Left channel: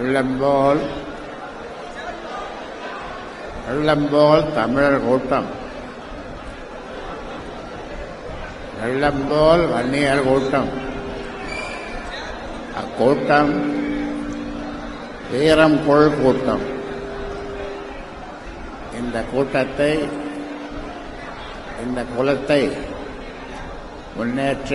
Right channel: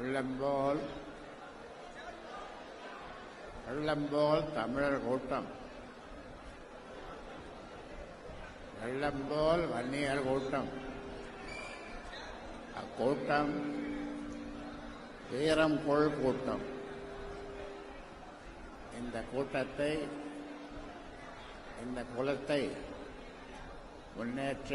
வெள்ளம்போல் தமிழர் கூட்டம், வெள்ளம்போல் வன்னியர் கூட்டம். அக்கூட்டம் வீரம் கொள் கூட்டம். இந்த கூட்டத்தை, இந்த குலத்தை முன்னேற்ற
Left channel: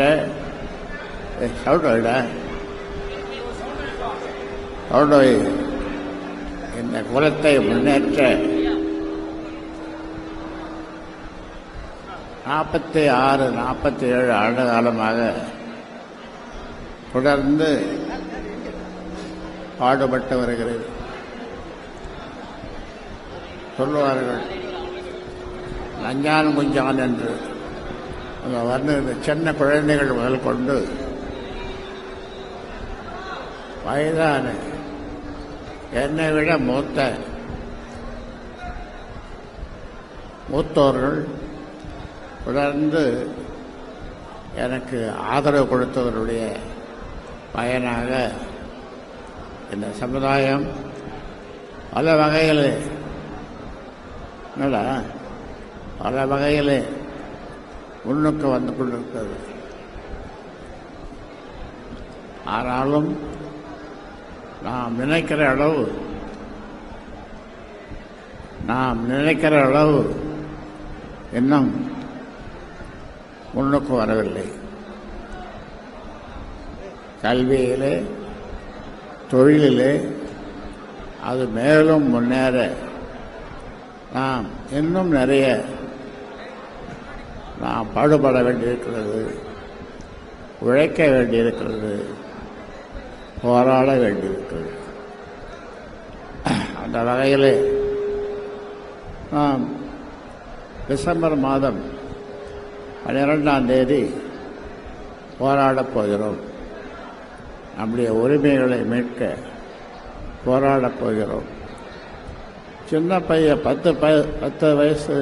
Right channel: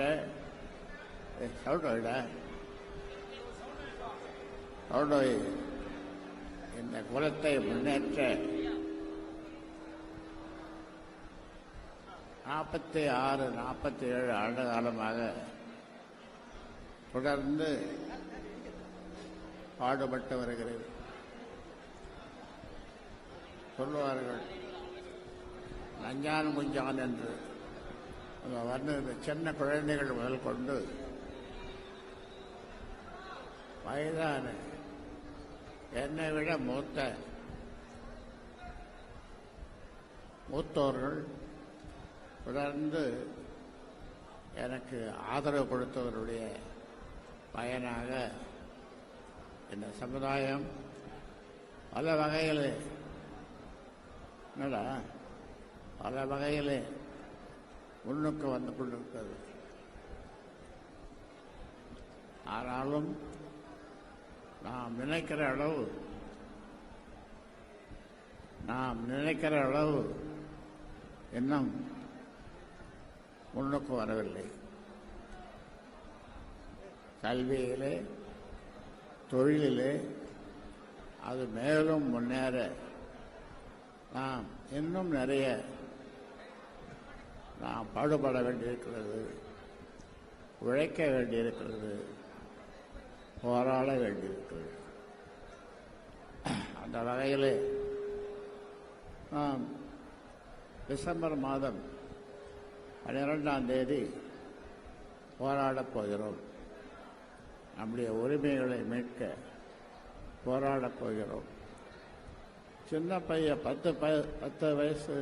இந்த குலத்தை முன்னேற்ற 46-47 ஆண்டு காலமாக தொடர்ந்து பாடுபட்டு வருகிறது. சொல்லுவார்கள், லஞ்சான் குஞ்சான் என்று வந்து சின்ன குழந்தைகள் முதல் கொண்டு வயதான என்னை விட மூத்தோர்கள் தொடர்ந்து எனக்கு ஆதரவு கொடுத்தவருடைய பயனாக இந்த சமுதாயம் பல வகையில் முன்னுக்கு வந்து கொண்டிருக்கிறது. ஆனாலும் நாம் நினைக்கிற அளவு இன்னும் முன்னுக்கு வரவில்லை. கல்வியிலே, தொழிலிலே அது மேலும் முன்னேற நாம் இன்னும் நிறைய நாம் பாடுபட வேண்டியிருக்கிறது, உழைக்க வேண்டியிருக்கிறது, போராட வேண்டியிருக்கிறது. அந்த வகையில் நாம் டிசம்பர் மாதம் 12ஆம் தேதி போராடப் போகிறோம். நம்முடைய உரிமைகளை மீட்க போராடப் போகிறோம். சின்ன பையன் 10 வயசு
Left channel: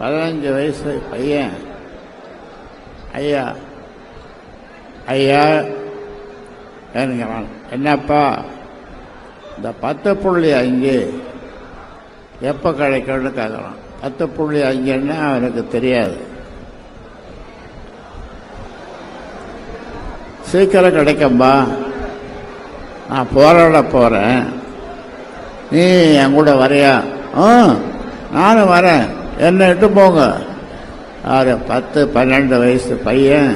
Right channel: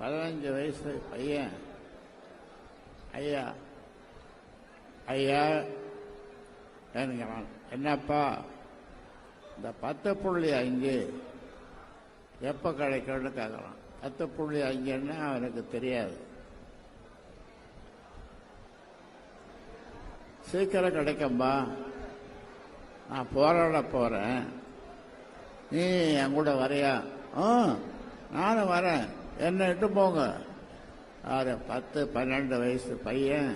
15 வயசு பையன் ஐயா என்கிறான். என்னப்பா இந்த 10.5 எப்போ கிடைக்கும்னு கேட்குறான். 10.5ன்னா அவனுக்கு தெரியாது. சீக்கிரம் கிடைக்கும்பா, நான் போராட போகிறேன், நீ என் கூட வரையா? நானும் வரேன், என்னை இட்டு போங்க. 10-12 வயசு பையன்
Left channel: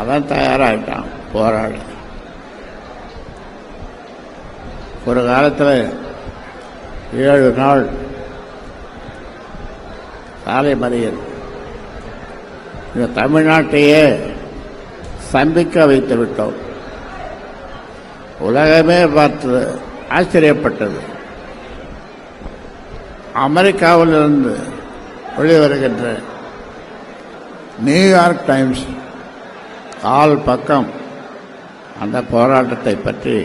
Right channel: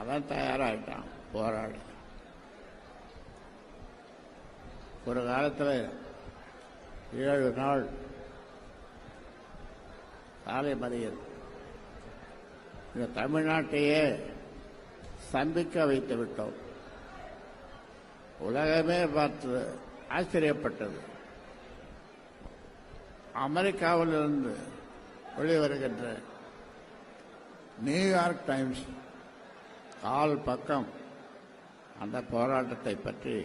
அவன் தயாராகிட்டான் போராட. ஒரு காலத்தில் 7 நாள் சாலை மறியல் இந்த தமிழ்நாட்டையே சம்பிக்க வைத்து விட்டோம். உலகமே பார்த்து ஆச்சரியப்பட்டது. அமெரிக்காவிலிருந்து வெளிவருகின்ற நியூயார்க் டைம்ஸ் கால் பக்கம் அந்த போராட்டத்தை பற்றி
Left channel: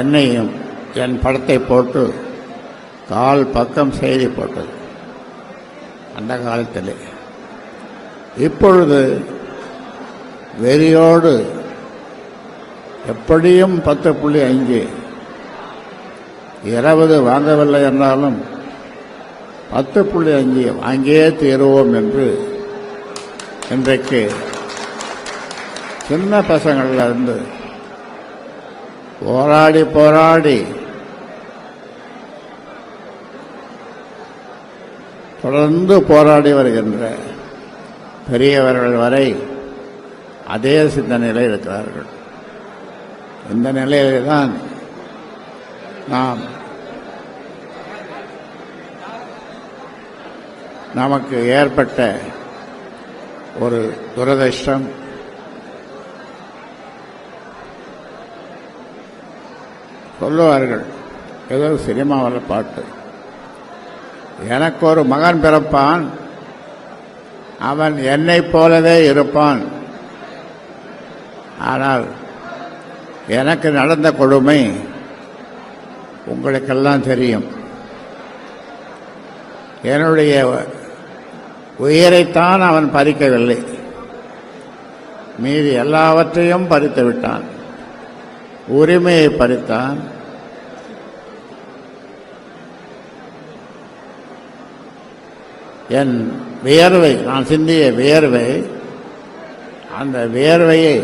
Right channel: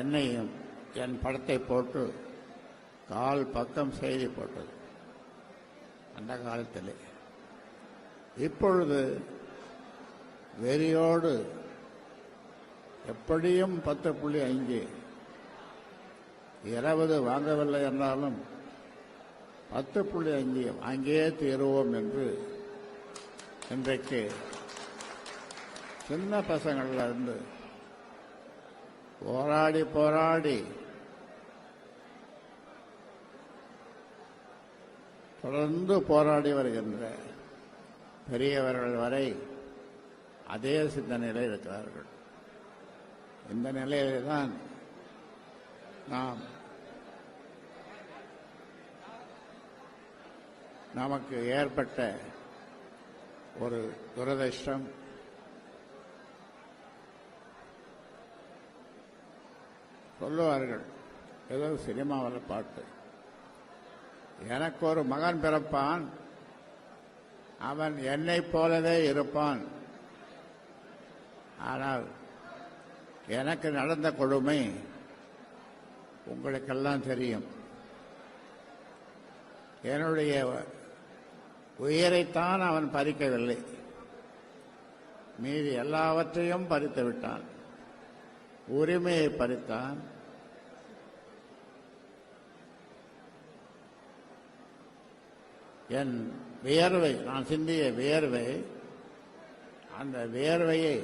என்னையும் என் படத்தை போட்டு கால் பக்கம் செய்தி போட்டது அந்த காலத்தில். இப்பொழுது வெறியோடு எப்படியும் 10.5 20 வாங்கவில்லை என்றாலும் 10.5 வாங்கியே தீருவோம் என்று இன்றைக்கு சின்ன பசங்கள்ல இருந்து போராடி தொடர்ந்து போராடி வருகின்ற பெரியவர்கள் வரை அதே சிந்தனையில் இருக்கிறார்கள். இந்த நிலையில்தான் நமக்கு ஏற்பட்ட ஒரு துரதிர்ஷ்டம். சொல்லுவார்கள், ஏதோ சினிமாவில் பாட்டு, எனக்கு ஒரு மகன் பிறப்பான், அவன் என்னைப் போலவே இருப்பான். ஆனால் எனக்கு நடந்த கொடுமை உங்களுக்கெல்லாம் தெரியும். என்னுடைய உயிரைத்தான் அவன் பறிக்கவில்லை, மீதி எல்லாவற்றையும் பறித்து விட்டான். உரிமையை பறித்தான். என் வியர்வை, நான் சிந்திய வியர்வை, அந்த வியர்வையை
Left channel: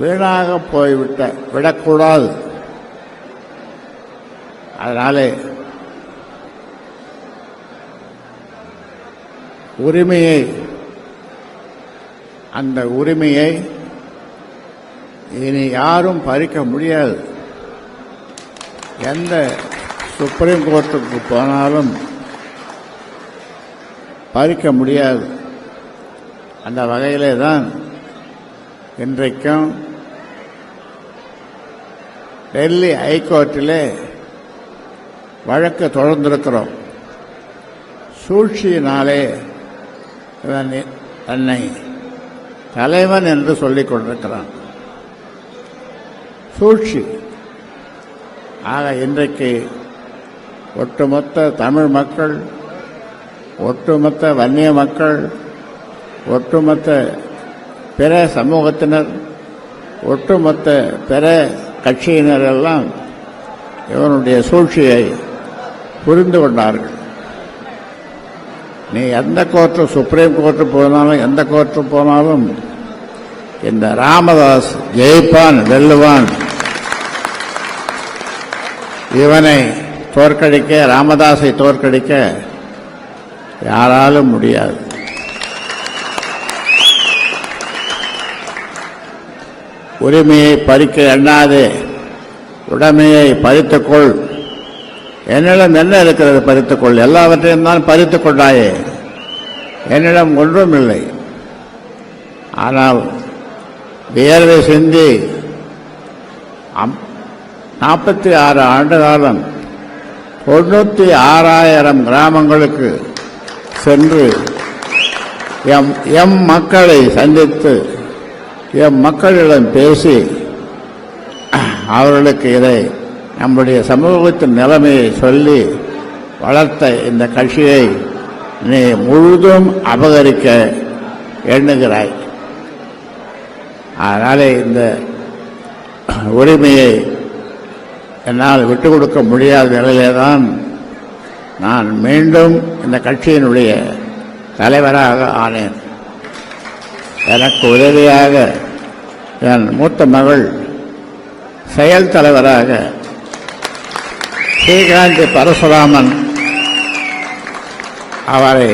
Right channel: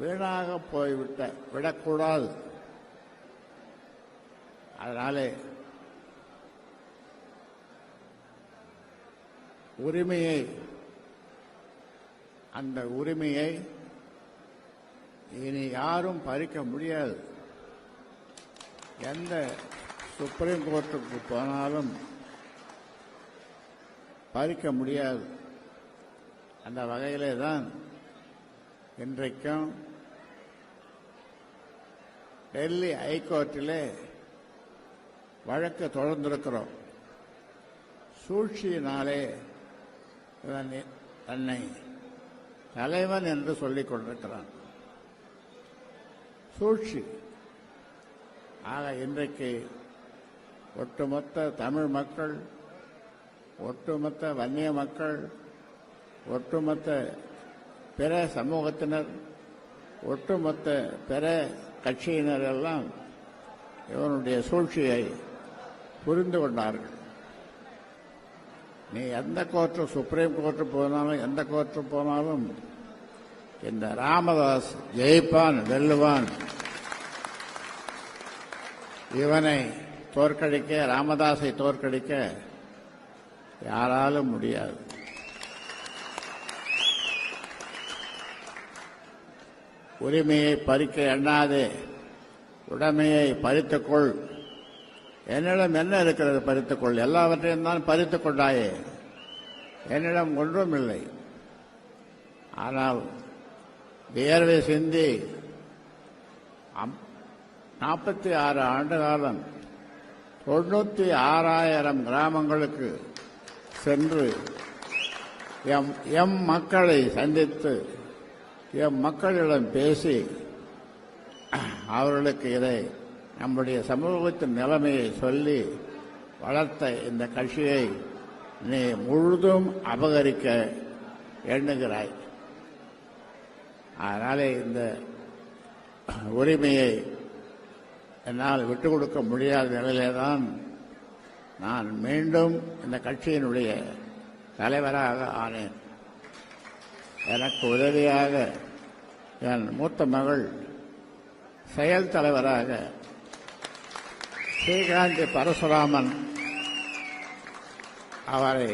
வீணாக விடக்கூடாது. அதனாலே அந்த உரிமையை இனி யாரும் பறிக்க முடியாது. எந்த சுப்ரீம் கோர்ட்டுக்கு போனாலும் பறிக்க முடியாது. அந்த வகையிலே தான் இன்றைக்கும் டெல்லி ஹைகோர்ட்டிலே வழக்கு தொடர்ந்திருக்கிறோம். சூழ்ச்சியினாலே தன்னை தலைவன் என்று சொல்லிக் கொண்டிருக்கிறான். சூழ்ச்சி. ஆக இன்றைக்கு ஒட்டுமொத்த தமிழ் மக்கள், ஒட்டுமொத்த வன்னிய மக்கள், ஒட்டுமொத்த பிற சமூகத்தினர், ஒட்டுமொத்த பிற கட்சியினர் எல்லாம் இவனுடைய சூழ்ச்சியை புரிந்து கொண்டார்கள். நீ எந்த கோர்ட்டு, சுப்ரீம் கோர்ட்டு போனாலும், எந்த கோர்ட்டு போனாலும் இந்த ராமதாஸ் ஜெயிப்பான், வெல்லுவான். இவனை தோற்கடிக்க, ராமதாஸை தோற்கடிக்க யாராலும் முடியாது. உரிமையை பறிக்க எண்ணாதே, உடைமையை பறித்துக்கொள். என்னிடம் என்ன இருக்கிறது பறித்துக்கொள்? எல்லாவற்றையும் தான் பறித்துக் கொண்டாயே. என்னிடம் ஒன்றும் இல்லை. ஆனால் வியர்வை சிந்தி 46 ஆண்டு காலம் 96,000 கிராமங்களுக்கு சென்று எம் மக்களை சந்தித்து எம் மக்களிடம் பேசி அவர்களுக்கு இதை நம்முடைய சமூகத்தின் நிலைமையை சொல்லி வளர்த்த இந்த கட்சியை நீ முழுதும் அபகரிக்க எண்ணுகிறாய். அதனாலே இந்த உரிமையை என்னால் விட்டுக் கொடுக்க முடியாத நிலையிலே தான் நான் மீண்டும் இந்த கட்சியினுடைய தலைவராக ஆனேன். எனக்கு உதவியாக என் மூத்த மகள் செயல் தலைவராக ஸ்ரீகாந்தி பரசுராமன் அவரை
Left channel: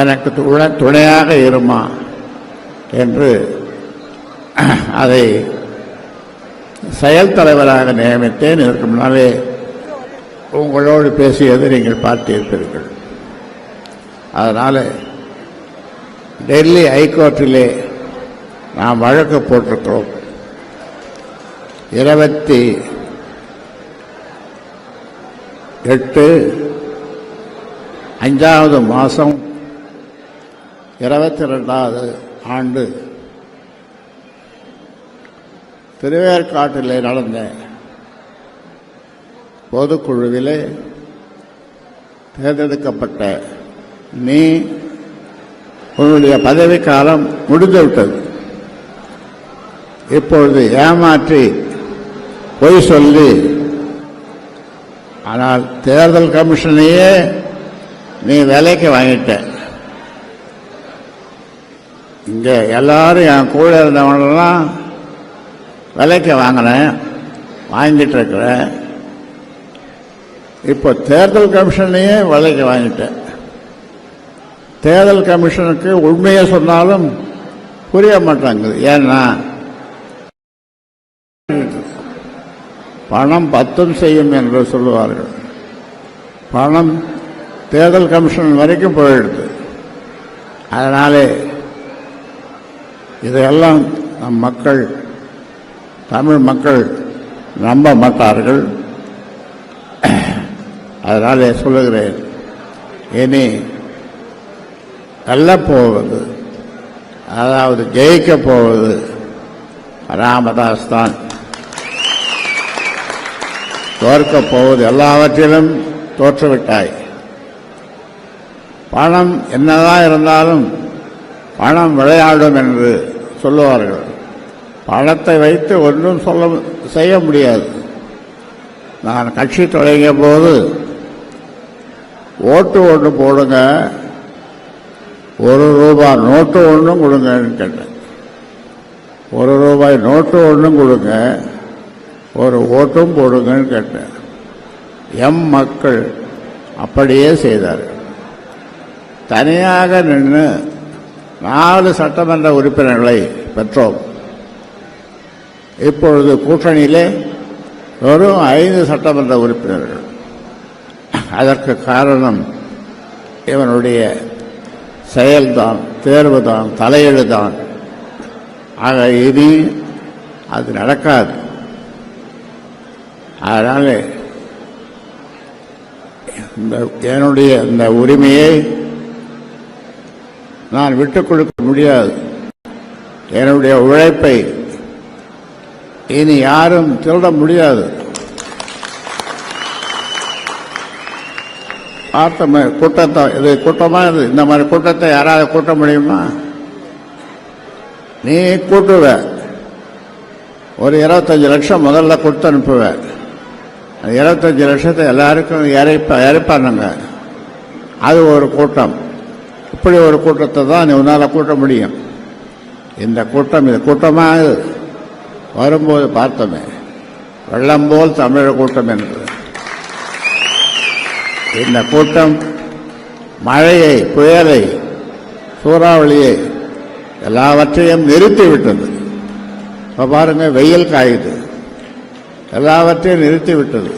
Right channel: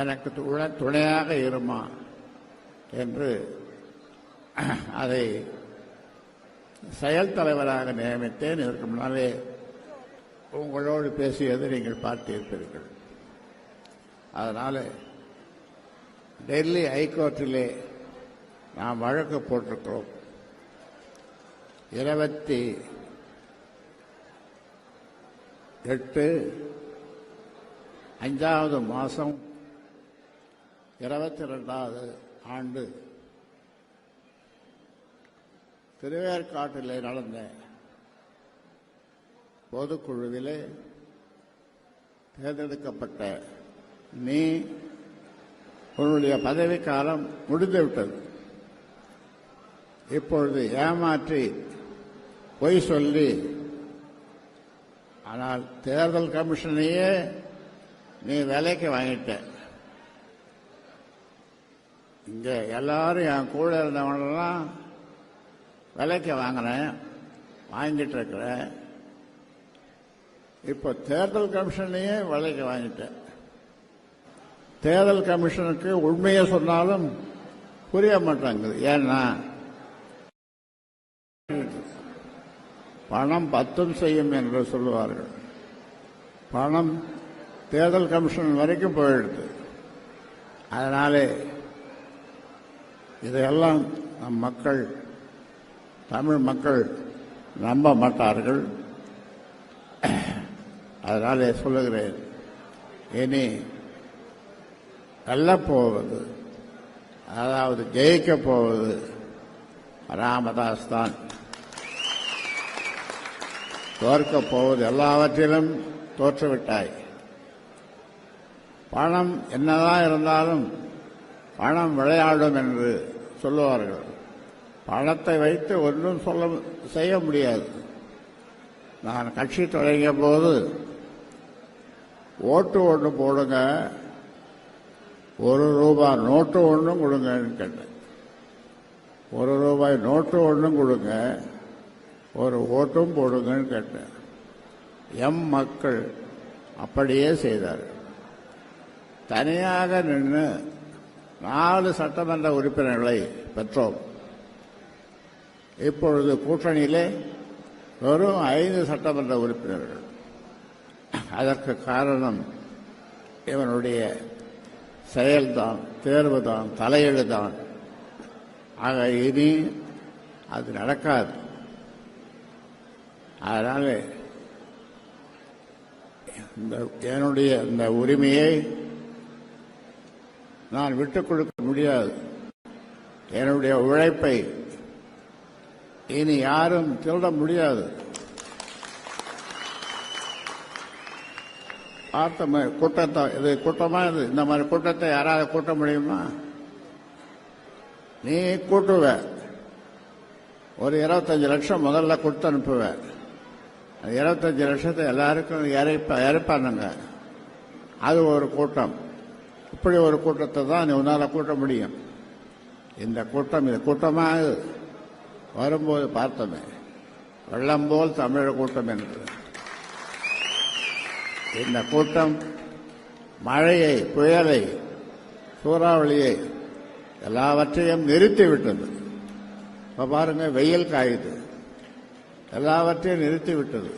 எனக்கு துணையாக இருமா என்று அதை செயல் தலைவராக நியமித்தேன். இதற்கு முன்னாலே உங்களோடு பேசியது நீங்கள் பார்த்திருப்பீர்கள். அதனால் டெல்லி ஹைகோர்ட்டிலே நாம் வழக்கு போட்டிருக்கிறோம். 28 5வது மாதம் 22வது ஆண்டு திருவேற்காட்டிலே நடந்த பொதுக்குழுவிலே தேர்ந்தெடுக்கப்பட்ட நீ உன்னுடைய பதவிக்காலம் முடிந்துவிட்டது. இப்பொழுது ஏமாற்றி பொய் சொல்லி, ஆனால் தேர்தல் கமிஷனையே நீ விலைக்கு வாங்கிட்ட. இங்கே எல்லாரும் என் கூட இருந்தவனெல்லாம் விலைக்கு வாங்கினேன், வாங்கிட்டு இருக்கிறேன். இப்போ தேர்தல் கமிஷனையே விலைக்கு வாங்கிட்டேன். தேர்தல் கமிஷனுக்கு உண்மையை சொன்னாலும் புரிய மாட்டாங்குது. ஏன்னா பணம் பத்தும் செய்யும் என்று சொல்லுவார்கள். பணம் தேர்தல் கமிஷன் வரைக்கும் போயிடுது. அதனாலே இதையெல்லாம் நம் மக்கள், தமிழ் மக்கள் நம்ப மாட்டார்கள். அதனாலே சொல்லுகிறேன், இனி வெல்லப் போவது, அதாவது ஜெயிக்கப் போவது ராமதாஸ் தான். தோற்கப் போவது எல்லாவற்றிலும் தோற்றுவிட்டாய். பணம் என்னதான் இருந்தாலும் பணம் விளையாடும் என்று சொல்லுவார்கள். பணத்தை வைத்து ஒன்றும் செய்ய முடியாது. நான் கட்சி தொடங்கிய போது ஓட்டு ஒன்று போடுங்க, ₹1 நோட்டு ஒன்றும் கொடுங்கன்னு கேட்டேன். ₹1 நோட்டு ஒன்றும் கொடுங்க, ஒரு ஓட்டும் போடுங்கன்னு கேட்டேன். மக்கள் அப்படியே செய்தார்கள். தனியாக நின்று 4 சட்டமன்ற உறுப்பினர்களை பெற்றோம். இப்பொழுது கூட்டணியிலே வெறும் 5 சட்டமன்ற உறுப்பினர்கள். அதற்கு காரணம் இவனுடைய செயல்தான், தேர்வுதான், தலையீடுதான். ஆக இனி அது நடக்காது. அதனால என்னுடைய இந்த உரிமையை நான் விட்டுக் கொடுக்க முடியாது. என்னுடைய உழைப்பை இனி யாரும் திருட முடியாது. பார்த்தோமே கூட்டத்தை, இது கூட்டமா, இந்த மாதிரி கூட்டத்தை யாராவது கூட்ட முடியுமா? நீ கூட்டுவ, ஒரு 25 லட்சம் முதல்ல கொடுத்து அனுப்புவ. 25 லட்சத்தை எல்லாருக்கும் இறைப்பானுங்க. அது ஒரு கூட்டம். இப்படி ஒரு கூட்டத்தை தான் நீ உன்னால் கூட்ட முடியும். இந்த கூட்டம், இது கூட்டமாக வரும்போது பார்த்தோமே, வெள்ளம் போல் தமிழர் கூட்டம் என்று. இந்த கூட்டம் மழையை, புயலை, சூறாவளியை எல்லாவற்றையும் நிறுத்திவிட்டது. இப்போ பாருங்க, வெயில் காயுது, எல்லாவற்றையும் நிறுத்திவிட்டது.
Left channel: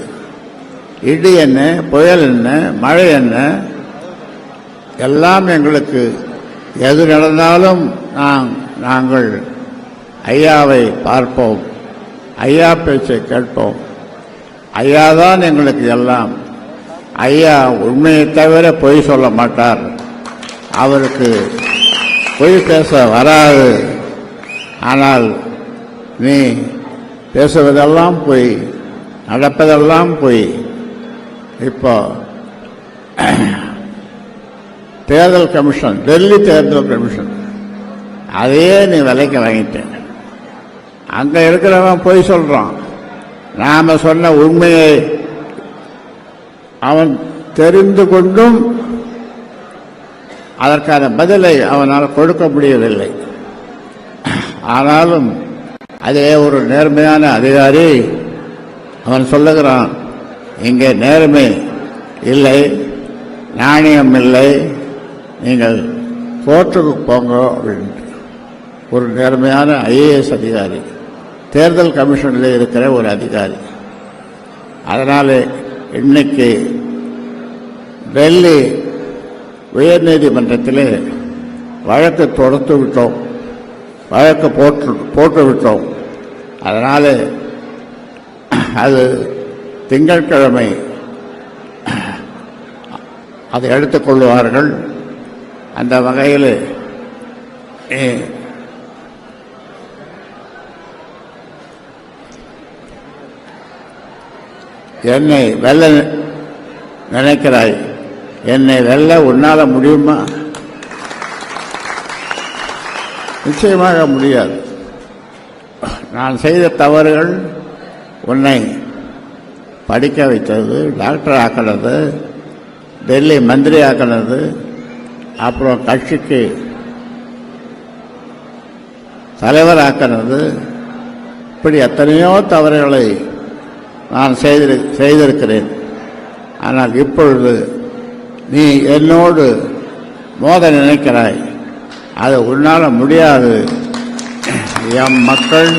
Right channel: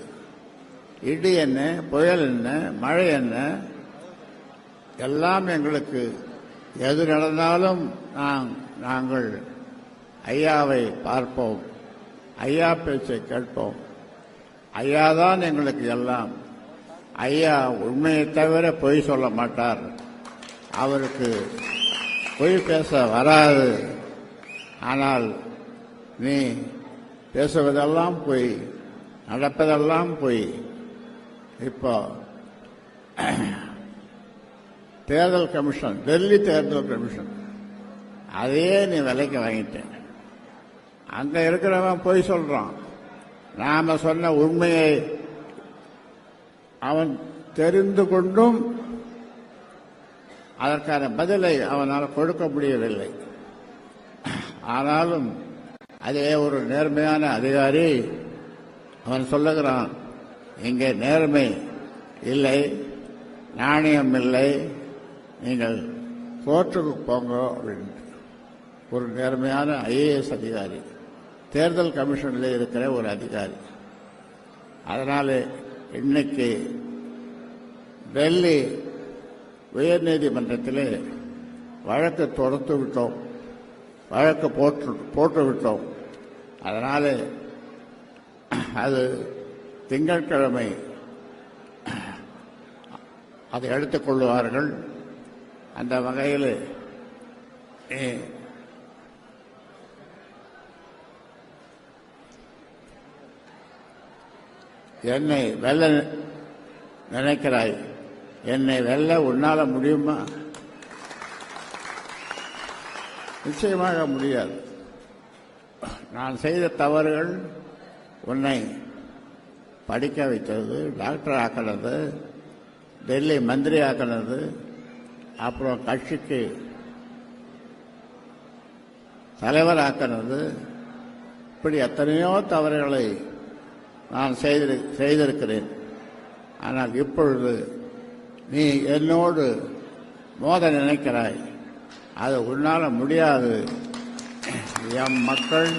இடி என்ன, புயல் என்ன, மழை என்ன, எல்லாம் எங்களுக்கு எது நடந்தாலும் நாங்கள் ஐயாவை பார்ப்போம், ஐயா பேச்சை கேட்போம். ஐயா தான் எங்களுக்கு எல்லாம். ஐயா உண்மையை தவிர பொய் சொல்ல மாட்டார். அவருக்கு பொய் பேச வராது. ஆனால் நீ பேசுவதெல்லாம் பொய், நடப்பதெல்லாம் பொய். இப்போ தேர்தல் கமிஷன், டெல்லி தேர்தல் கமிஷன், அதையே நீ விலைக்கு வாங்கிட்டேன். அங்கே இருக்கிறவன் பொய் சொல்கிறான். நாம் சொன்ன உண்மையை அவன் தெரிந்து கொண்டும் அதற்கான பதிலை அவனால் கொடுக்க முடியவில்லை. ஆனாலும் அதே ஒரு நேர்மையான அதிகாரி அவன் சொல்லுகிறான், இங்கே நேர்மை இல்லை, நாணயம் இல்லை, நீங்கள் கோர்ட்டுக்கு போங்க அப்படின்ட்டு. ஒரு நேர்மையான ஐஏஎஸ் அதிகாரி, தேர்தல் கமிஷனில் இருக்கிற ஒரு அதிகாரி. அதனால் இன்னைக்கு டெல்லி உயர்நீதிமன்றத்தில் வழக்கு தொடுத்து விட்டோம், வழக்கு போட்டு விட்டோம். அதனால் அது திங்கட்கிழமை அதை எடுத்துக்கொள்வார்கள். அந்த வகையில் என்னை வெல்ல நினைக்கிறாய், என்னை வெல்ல உன்னால முடியுமா? நிச்சயமாக முடியாது. நான் செய்த தவறுகள் உன்னை படிக்க வைத்தது, டாக்டர் ஆக்கினது, டெல்லி மந்திரி ஆக்கினது, அப்புறம் கட்சிக்கு தலைவர் ஆக்கினது, இப்படி எத்தனையோ தவறுகளை நான் செய்திருக்கிறேன். ஆனால் இப்பொழுது நீ என்னோடு மோத நினைக்கிறாய், அது உன்னால் முடியாது. எம் மக்கள்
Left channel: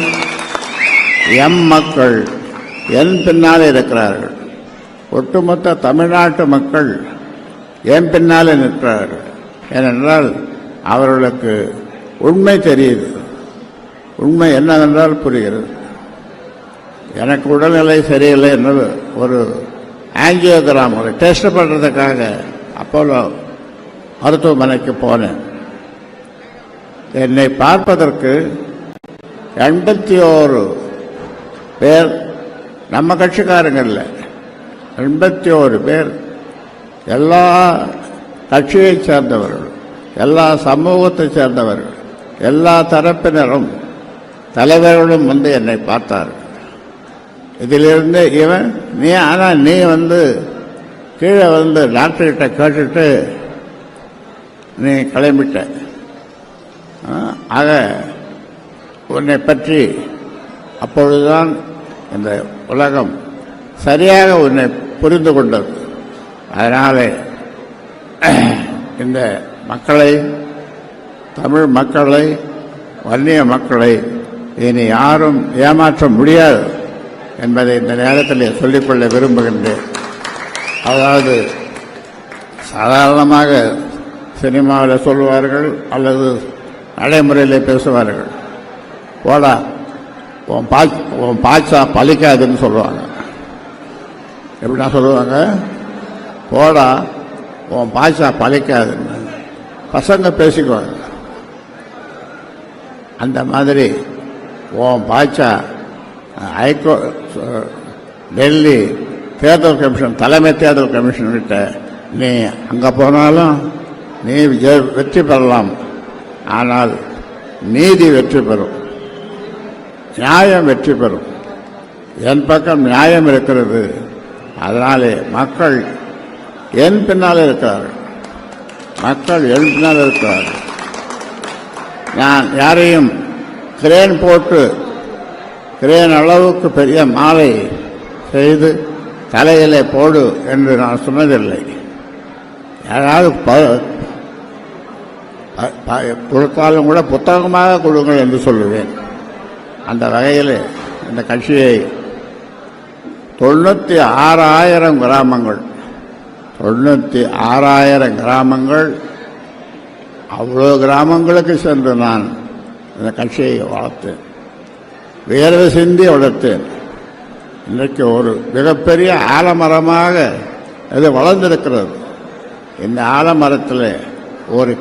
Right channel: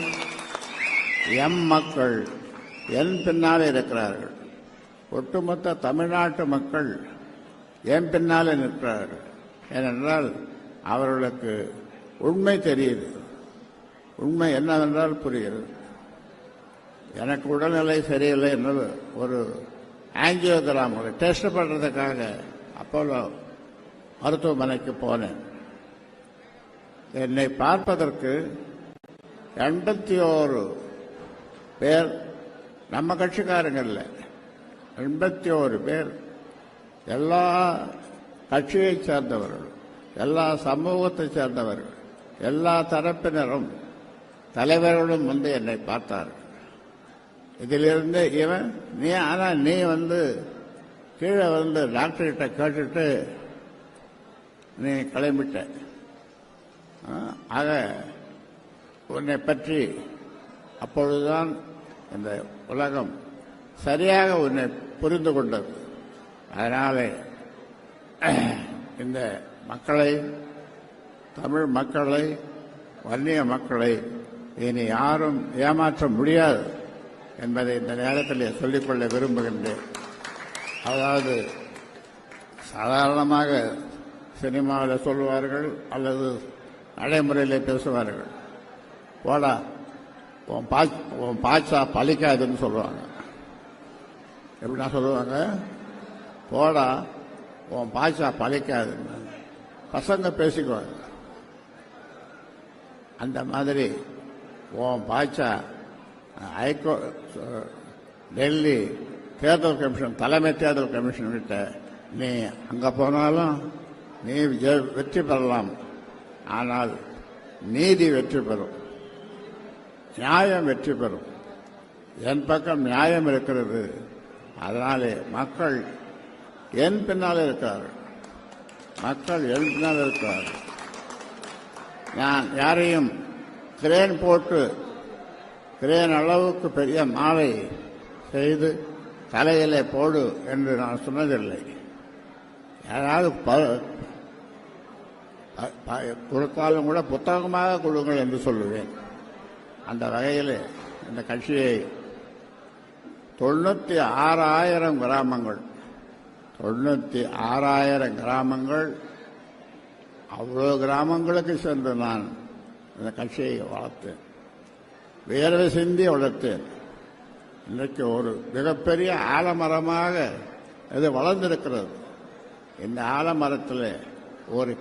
என் பின்னால் இருக்கிறார்கள். ஒட்டுமொத்த தமிழ்நாட்டு மக்கள் என் பின்னால் நிற்கிறார்கள். ஏனென்றால் அவர்களுக்கு உண்மை தெரியுது, உண்மை என்னவென்றால் புரிகிறது. எனக்கு உடல்நிலை சரியில்லை என்று ஒரு ஆஞ்சியோகிராம், ஒரு டெஸ்ட் பண்ணுறதுக்காக அப்போலோ மருத்துவமனைக்கு போனேன். என்னை பார்ப்பதற்கு 81 பேர், நம்ம கட்சிக்காரங்க இல்லை, 81 பேர், எல்லா கட்சியைச் சேர்ந்தவர்கள், எல்லா சமூகத்தைச் சேர்ந்தவர்கள், எல்லா தரப்பினரும் தலைவர்களும் வந்து என்னை பார்த்தார்கள். இதிலிருந்து இவன் நீ கீழே டாக்டர்கிட்ட கேட்டுட்டு நீ கிளம்பிட்ட. ஆக உன்னை பற்றி அப்பொழுதுதான் இந்த உலகம் சரியாக உன்னை புரிந்து கொண்டது. அதனால இந்த மக்களை, தமிழ் மக்களை, வன்னிய மக்களை இனி யாரும் ஏமாற்ற முடியாது என்பதை இந்த நேரத்தில் சொல்லிக்கொள்ள விரும்புகின்றேன். அதாவது சாதாரணமாக சினிமாவில் சொல்லுவார்கள் அல்லது நடைமுறையில் பேசுவார்கள், போடா உன் பாய்ச்சா பலிக்காதுன்னு சொல்லுவாங்க. எப்படின்னா சொல்லுவாங்க, போடா உன் பாய்ச்சா பலிக்காதுன்னு பசங்க பேசிக்குவாங்க. அந்த மாதிரி உன் பாய்ச்சா டெல்லி தேர்தல் கமிஷன், தலைமை தேர்தல் கமிஷன் கிட்ட நீ அங்கே போனாலும் நீ வெற்றி பெறலாம், ஆனால் நீதி வெற்றி பெறும், நியாயம் வெற்றி பெறும். என் பக்கம் நியாயம் இருக்கிறது. அதனாலே மக்கள் என் பின்னால் இருக்கிறார்கள், மக்கள் என் பின்னால் இருக்கிறார்கள். நான் யாரையும் கிரேன் போட்டு கிரேன் அளவுக்கு பெரிய மாலை செய்து தலையிலே போடு என்று நான் சொன்னதில்லை. யாராவது கொடுத்தாலும் கூட புத்தகமாக கொடுங்கள் என்று சொல்லுவேன். அந்த வகையில் இந்த கட்சியை 96,000 கிராமங்கள், 96,000 கிராமங்கள், அவ்வளோ கிராமங்களுக்கு சென்று நான் இந்த கட்சியை வளர்த்தேன், வேர்வை சிந்தி வளர்த்தேன். இன்றைக்கு ஒரு மிகப்பெரிய ஆலமரமாக இது வளர்ந்திருக்கிறது. இந்த ஆலமரத்தில் ஒரு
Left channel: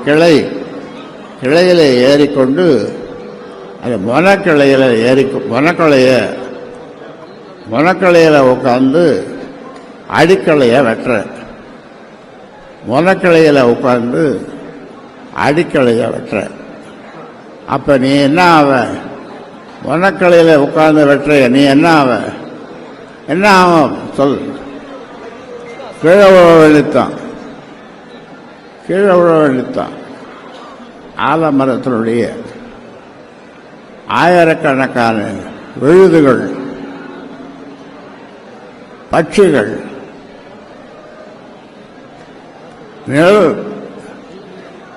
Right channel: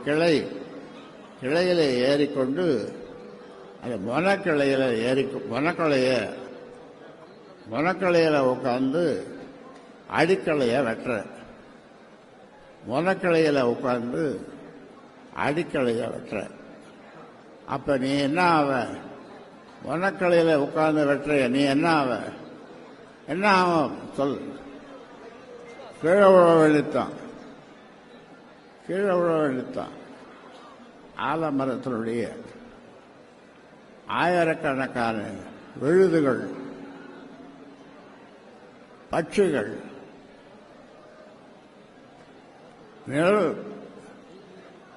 கிளையில் ஏறிக்கொண்டு அது மொனக்கிளையில் உட்காந்து அடிக்கலையை வெட்டுற, மொனக்கிளையில் உட்காந்து அடிக்கலையை வெட்டுற. அப்போ நீ என்ன ஆவ? மொனக்கிளையில் உட்காந்து வெட்டுற நீ என்ன ஆவ? என்ன ஆகும் சொல்? கீழே விழ வேண்டித்தான், கீழே விழ வேண்டித்தான். ஆலமரத்தினுடைய ஆயிரக்கணக்கான விழுதுகள், பட்சிகள், நிழல்,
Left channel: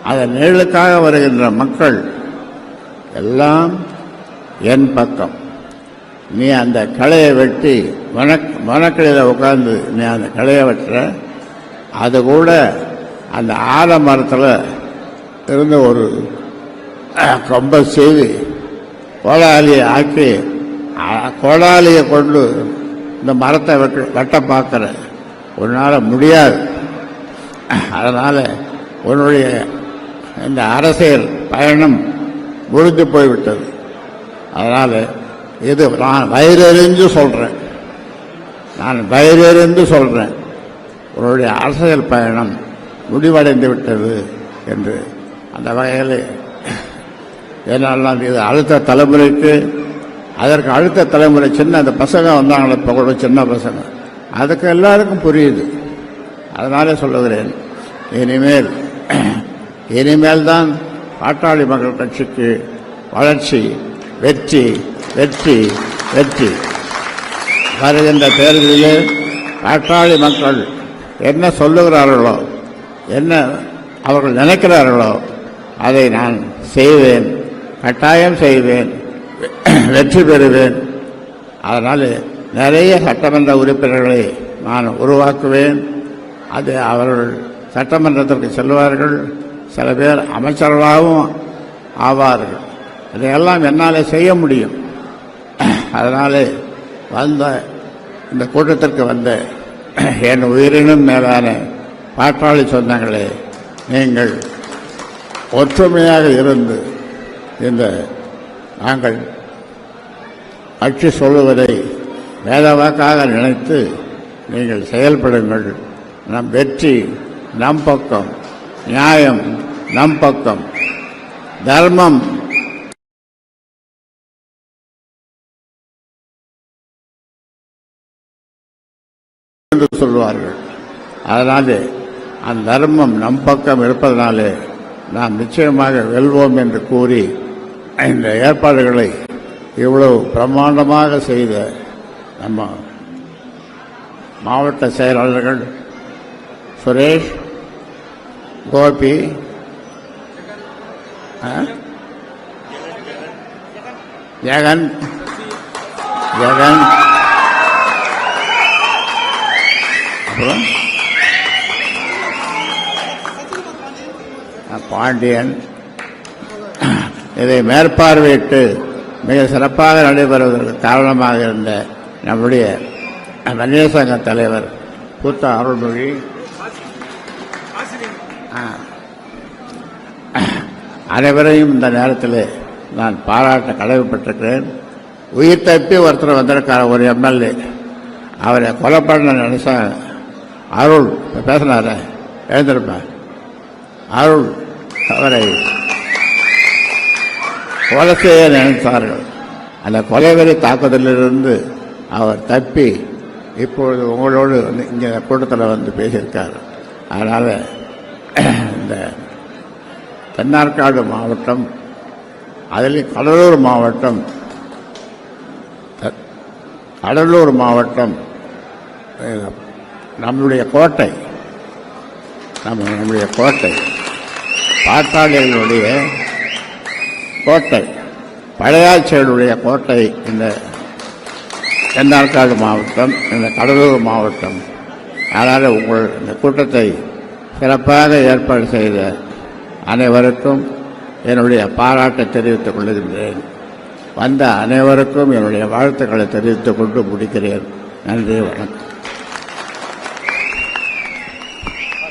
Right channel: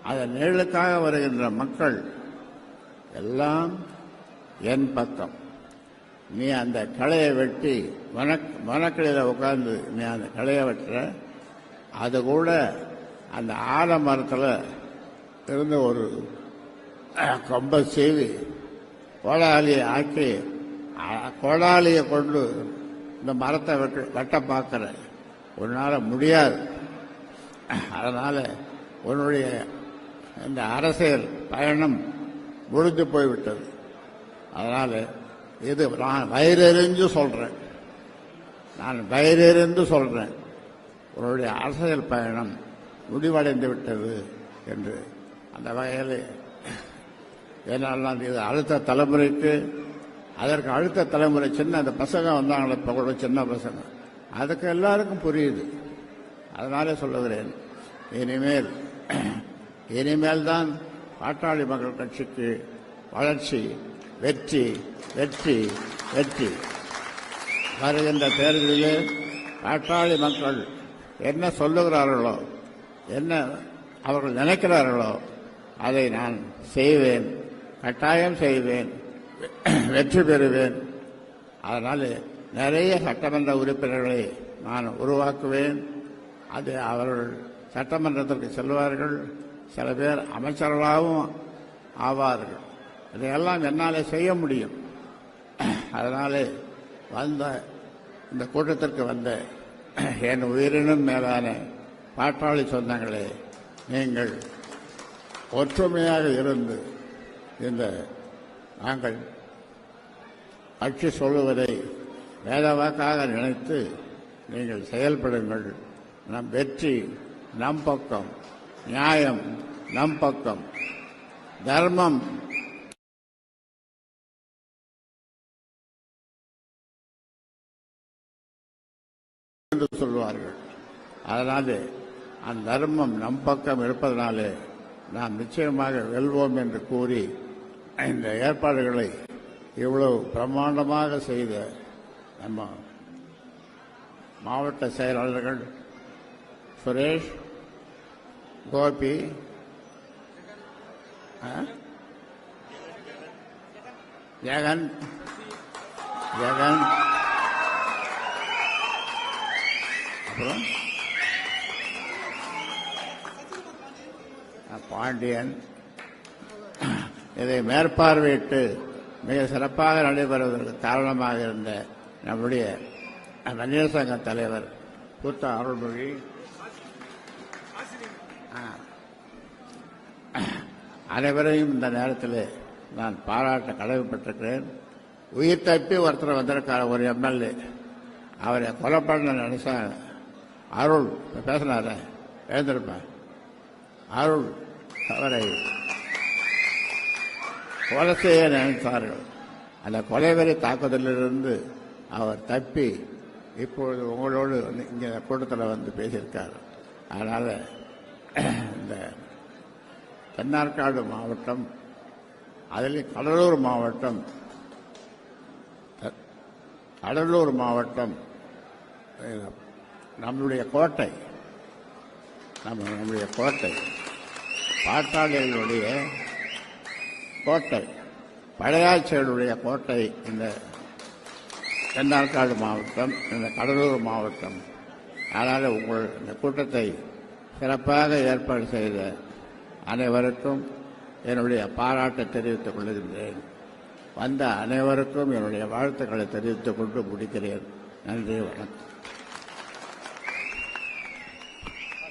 அதன் நிழலுக்காக வருகின்ற மக்கள் எல்லாம் என் பக்கம். நீ அந்த களையை வெட்டி மனக்கிளையில் உட்கார்ந்து நீ அந்த களையை வெட்டுற, அது கூட அந்த ஆலமரத்தில் இருந்த ஒரு கொம்பை செய்து கோடாலியை ஆக்கி, கோடாலியை கொண்டு இந்த மரத்தை வெட்ட பார்க்குற, உன்னால் முடியாது. அதனால் உன்னுடைய இந்த அரசியல் பயணம் முடிந்து போய்விட்டது. அதனால் இது நான் வயிறெறிஞ்சு சொல்கிறேன், நான் வயிறெறிந்து சொல்கிறேன், உன்னுடைய அரசியல் பயணம் முடிவடைந்து விட்டது என்று. அந்த வகையில் ஏன்னாலும் இது அடுத்த தலைமுறைக்கு, அதற்கு அடுத்த தலைமுறை சின்ன அந்த பசங்க வந்தாங்களே இப்போ கூட, சின்ன பசங்க, அதுக்கு எல்லாருக்கும் புரியுது. அதனாலே சொல்லுகிறேன், இனிமேல் தான் பாட்டாளி மக்கள் கட்சிக்கு வளர்ச்சி, வெற்றி, வெற்றி, வெற்றி. வருகின்ற தேர்தலில் பாட்டாளி மக்கள் என்ன சொல்லுகிறார்களோ, என்ன அவர்கள் நினைக்கிறார்களோ அதை நான் செய்வேன், கட்டாயம் செய்வேன், வெற்றி பெறுவேன். அதனால் நிறைய சட்டமன்ற உறுப்பினர்களை நான் உருவாக்குவேன். அது அவர்கள் சட்டமன்றத்திற்கு செல்வார்கள், சில பேர் அமைச்சர்களாகவும் ஆவார்கள். இதையெல்லாம் என்னால் செய்ய முடியும். அதனால் இந்த கூட்டத்திற்கு வந்த என் உயிரினும் மேலான பாட்டாளி சொந்தங்களே, நீங்கள் ஒற்றுமையாக இருந்து நாங்கள் கட்சி சொல்லுவதை வேதவாக்காக நினைத்து நீங்கள் செயல்படுங்கள். நம் வெற்றி நம் பக்கம், நியாயம் நம் பக்கம், தர்மம் என்று சொல்வார்கள். அதனாலே அந்த தர்மம் நம் பக்கம் இருப்பதனாலே நாம் நிச்சயமாக வெல்வோம் என்று கூறி இந்த ஏற்பாடுகளை இவ்வளவு பிரம்மாண்டமாக செய்த நம்ம மாவட்ட செயலாளர்கள் சுரேஷ், கோபி, ஜெகன், அப்புறம் பாண்டியன், இதை மேற்பார்வையிட்டு மிக சிறப்பாக நடைபெறுவதற்கு காரணமாக இருந்த நம்முடைய வன்னியர் சங்க தலைவர் பூத்த அருள்மொழி, அனைவரையும் இந்த நேரத்தில் நான் பாராட்ட கடமைப்பட்டிருக்கிறேன். உயிர் தப்பி ஒருத்தர் வந்திருக்கார ஒரு எம்எல்ஏ, அவரை கொலை பண்ண நினைச்சா அருள் பேசினார எழுந்திருப்பேன். அருள் அவரை கொலை செய்ய நினைத்தார்கள். அந்த கொலைவெறி தாக்குதலிலிருந்து அவர் தப்பி இப்பொழுது உங்களோடு இங்கே கூட்டத்தில் வந்து பேசியிருக்கார். அதனால் இந்த தென்னார்காடு மாவட்டம், அதில் கடலூர் மாவட்டம் நம்முடைய கோட்டை, நம்முடைய கோட்டை, பாட்டாளிகளுடைய கோட்டை, பழையாச்சேருடைய கோட்டை இந்த தென்னார்காடு மாவட்டம், இந்த கடலூர் மாவட்டம். அதனால் உங்கள் இந்த கூட்டத்தை சிறப்பாக ஏற்பாடு செய்த அனைவருக்கும் என்னுடைய பாராட்டை தெரிவித்துக் கொள்கின்றேன். வந்த அனைவருக்கும் என்னுடைய வாழ்த்துக்களை தெரிவித்துக் கொண்டு முடிக்கிறேன். நன்றி, வணக்கம்.